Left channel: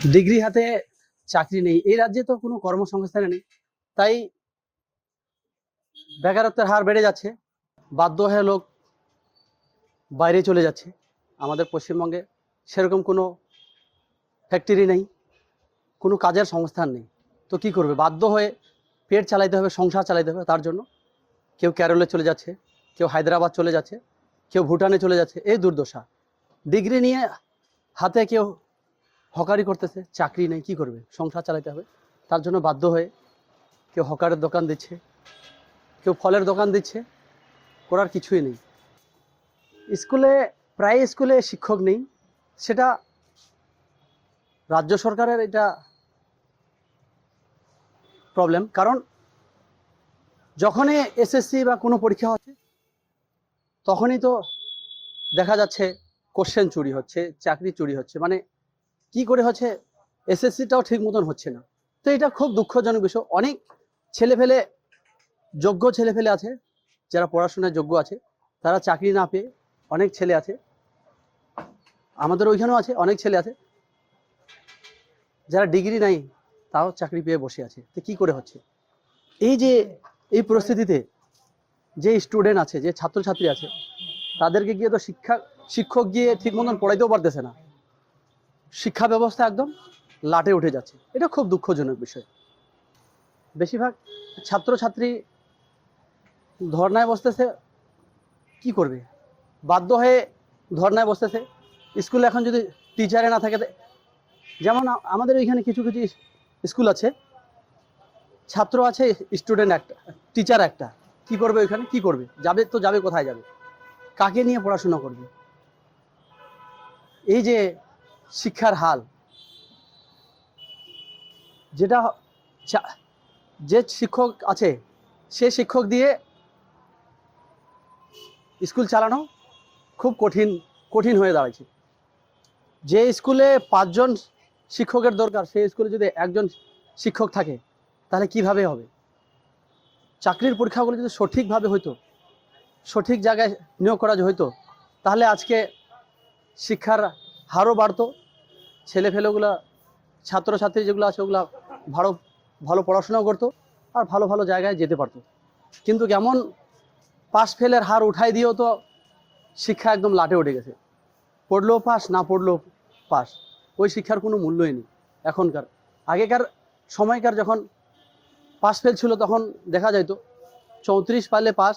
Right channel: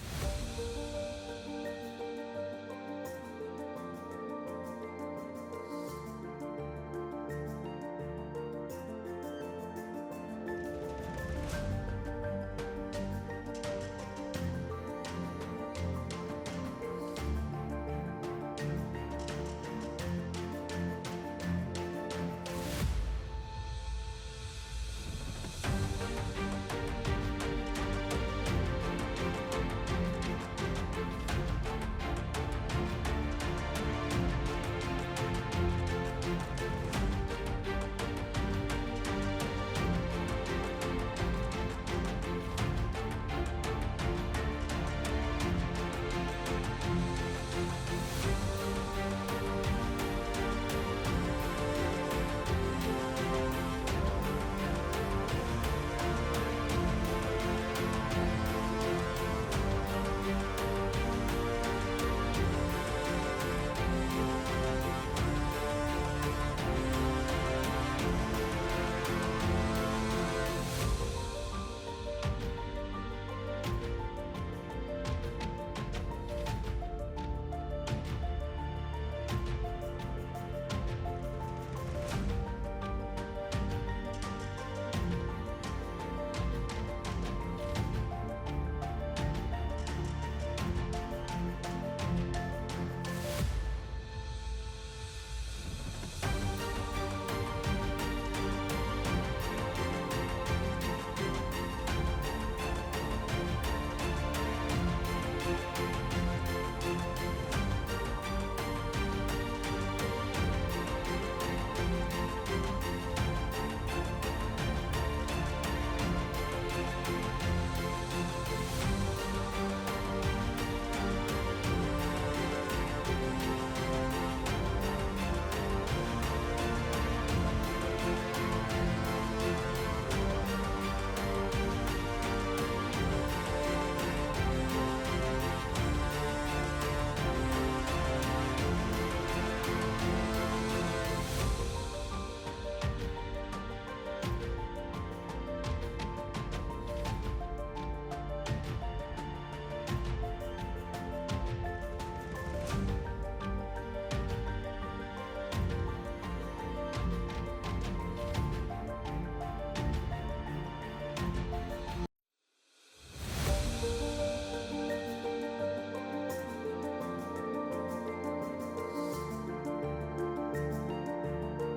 Degree হাতে চাকরি নেই, এই রাজ্যে তো কোনো কর্মসংস্থান নেই, তাই বেকারত্বের হার বেড়ে যাচ্ছে। বাধ্য হয়ে লোক বাইরে চলে যাচ্ছে। আমাদের পশ্চিমবঙ্গে সেরকম কোনো ফ্যাক্টরি নেই, কোনো কাজের সংস্থান নেই, তো কি করবে? বাধ্য হয়ে পেট চালাইতে হবে, সংসার চালাইতে হবে। তার জন্য কেউ কেরলে চলে যাচ্ছে, কেউ হায়দ্রাবাদ চলে যাচ্ছে, কেউ ভুটানে চলে যাচ্ছে। এই দুর্দশা। ডিগ্রি নিয়ে হাতে কেউ হকারি করতেছে, চাকরি নেই, কি করবে? সংসার চালাতে হবে। তার জন্য বাধ্য হয়ে কেউ হকারের দোকান দিচ্ছে, কেউ ফলের দোকান দিচ্ছে, করার কিছুই নেই। স্কুলে, প্রায় স্কুলে শিক্ষক নেই, সেটা রাজ্য সরকারের এটা প্রবলেম। কারণ যখনই এসএসসি বা কোনো পরীক্ষা হচ্ছে, তখনই তো দেখা যাচ্ছে কোশ্চেন চুরি হচ্ছে, চাকরি চুরি হচ্ছে। মানে কি করে হচ্ছে? এসএসসিটাও ঠিক মতন হচ্ছে না। তো এটা খুব দুঃখজনক বিষয়। অনেক ছেলেপেলে, যোগ্য ছেলেপেলে আছে, যারা পড়াশোনায় যোগ্য আছে, তারা চাকরি না পেয়ে, অনেক ছেলে আছে, আমাদের ওইখানেও আছে, অনেক ছেলে আছে যারা ডিগ্রি নাই তাও চাকরি পেয়ে বসে আছে। তো কী করে হচ্ছে? এই যে এই পরিস্থিতিতে যে স্টুডেন্ট আছে, যে ছাত্রছাত্রী আছে, তাদেরকে গিয়ে তো শিক্ষক গিয়ে ঠিক মতন পড়াইতেও পারতেছে না। শিক্ষা ব্যবস্থা একদম লাটে উঠে যাচ্ছে। এটা খুব দুঃখজনক বিষয়। বেশিরভাগ ছাত্রছাত্রী ধর্নায় বসতেছে, কি করবে? বাধ্য হয়ে ধর্নায় বসতেছে। স্কুলে এখন যদি টিচারে না থাকে, যেমন আমাদের এখানে কিছু কিছু স্কুল আছে, ছাত্র আছে, স্টুডেন্ট একটা, টিচার একটা, কি করবে ওইখানে? কি করবে? যাবে তো যাবে, কোথায় যাবে? কাকে নিয়ে পড়াশোনা করবে? এই যে শিক্ষার হাল, যেটা যে শিক্ষক আছে, সে শিক্ষক দিয়ে স্কুল চালানো খুব কঠিন হয়ে দাঁড়ায়। যে স্কুলে 5 জন শিক্ষকের দরকার, সেই স্কুলে যদি একজন শিক্ষক থাকে, তাহলে কিভাবে হবে? চাকরির পরীক্ষাগুলো যদি সঠিকভাবে হইতো, সঠিক জায়গায় নিয়োগ করা হইতো, তাহলে আজকে শিক্ষার হারও বাড়তো। ছেলেফেলেগুলো, ছাত্রছাত্রী যেগুলো আছে, ওগুলো ভালো ভালো পড়াশোনাও করতো আর ভালো ভালো জায়গায় যেতে পারতো। কিন্তু কেমন পাস ফেলের হার উঠাই দিয়েও তো শিক্ষা একদম লাটে উঠে গেছে। পড়লেও পাস, না পড়লেও পাস, ওই শিক্ষার কোনো মূল্যই নেই এখনকার। আগেকার সময়কার যখন পাস ফেল ছিল, তখন দেখা যাইতো 34 পাইলে পাস।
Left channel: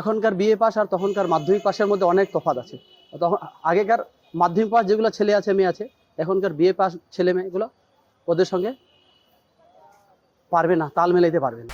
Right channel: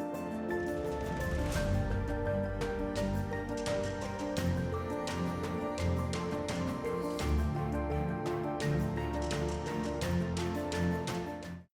এখনকার বিএ পাস আর তখনকার মাধ্যমিক পাসের মধ্যে অনেক তফাৎ আছে। তখন আগেকার মাধ্যমিক পাস যেগুলো ছেলে আছে, মেয়ে আছে, এখনকার বিএ পাস ছেলে মেয়েগুলো ওদের সঙ্গে পারবে না, তাল মেলাইতে পারবে না।